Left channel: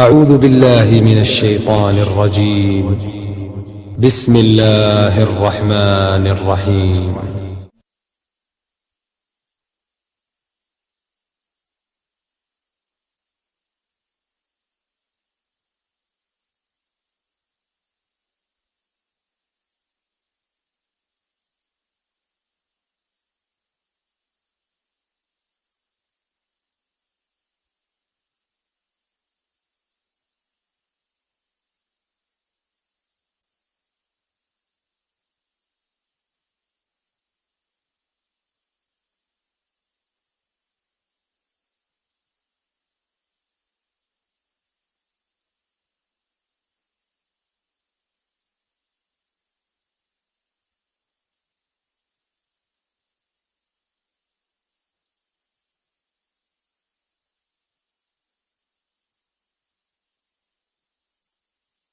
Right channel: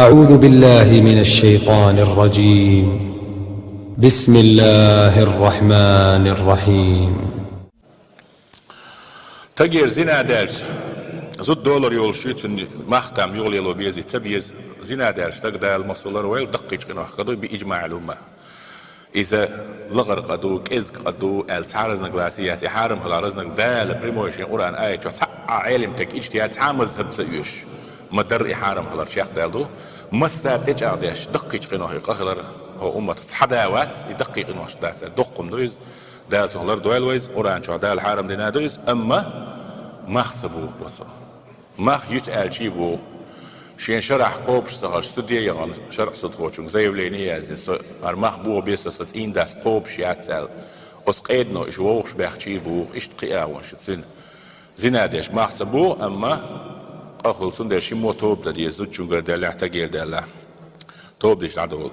أعوذ بالله من الشيطان الرجيم. بسم الله الرحمن الرحيم. تغير زنا دارس زود دولار يول شيتن محتم يول يلو بيزي تبيز زنا دارس تقدر المسؤولر ويل دقيق قناخ قدو بإجماع الأمة إذا لغر قدو كإزق قدو التعارضنا قلاسيات يحارم هلارزنا دال بريموشين قرآن آية شو علم تك اجتهاد تعمز هب سيوش مدر يحارم هلار شيخ دالدو مستابتج عديش دقيق قناخ قهلر هو أمة تصحداوات يدقيق قناخ دارس دقم دويز دالت هلار دوالويز قرآن شو دال حارم دينا دويز أما مخصبوه بوثو مخ يتقال شيبو شين شرح قوبش سهر استوديا يغان شرح صدقوشون زي وليني ازن ارمخ بو بيسا ستين داس قوبش ياتسال اس قيدنو اش ووخش باخ شيبو اش تقياوان شتسن زنادش مخصبو اما اخل سندر شيمو توب دا دي زوجون غير دالا احتاجير دالا توب ديش عدول